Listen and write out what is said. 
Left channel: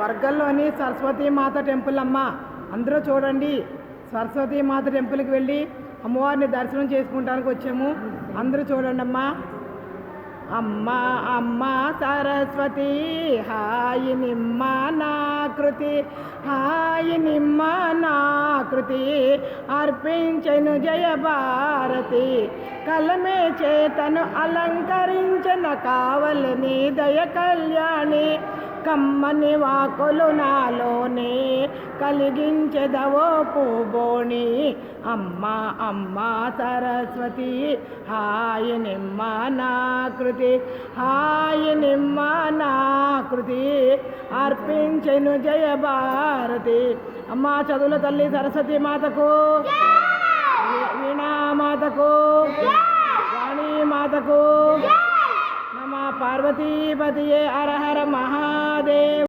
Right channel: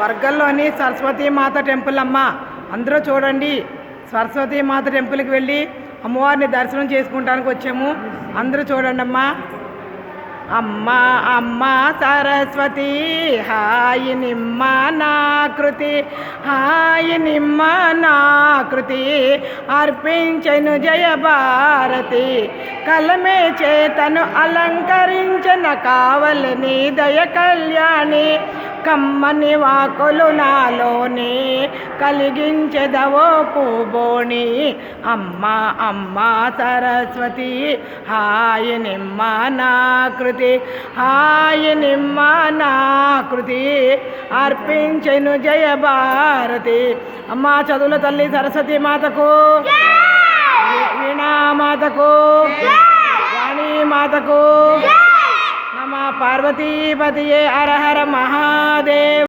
వర్గంలోని సరస్వతీ మాత temple అమ్మ. అందరూ చూడండి, సరస్వతీ మాత టెంపుల్కి వెళ్ళి అమ్మవారిని దర్శనం చేసుకుంటానికి వచ్చాము. అందరూ చూడండి అమ్మా. అమ్మ అమ్మ సరస్వతి హాయి నిమ్మ నాకృతి, హాయి నిమ్మ నాకృతి అర్పించెను జయ భారతి. కలమే చేతను అలంకరించిన కావలిని దయ కళ్యాణి, కమ్మని వాకులు నాలోని కలిగించెదవో పూబోణి. అమ్మ అమ్మ సరస్వతి హాయి నిమ్మ నాకృతి, హాయి నిమ్మ నాకృతి అర్పించెను జయ భారతి. అమ్మ చదువుల తల్లి సరస్వతి మాతకు, వీణామాతకు, వాణి మాతకు నమ. పార్వతీపతియే హర హర మహాదేవ్.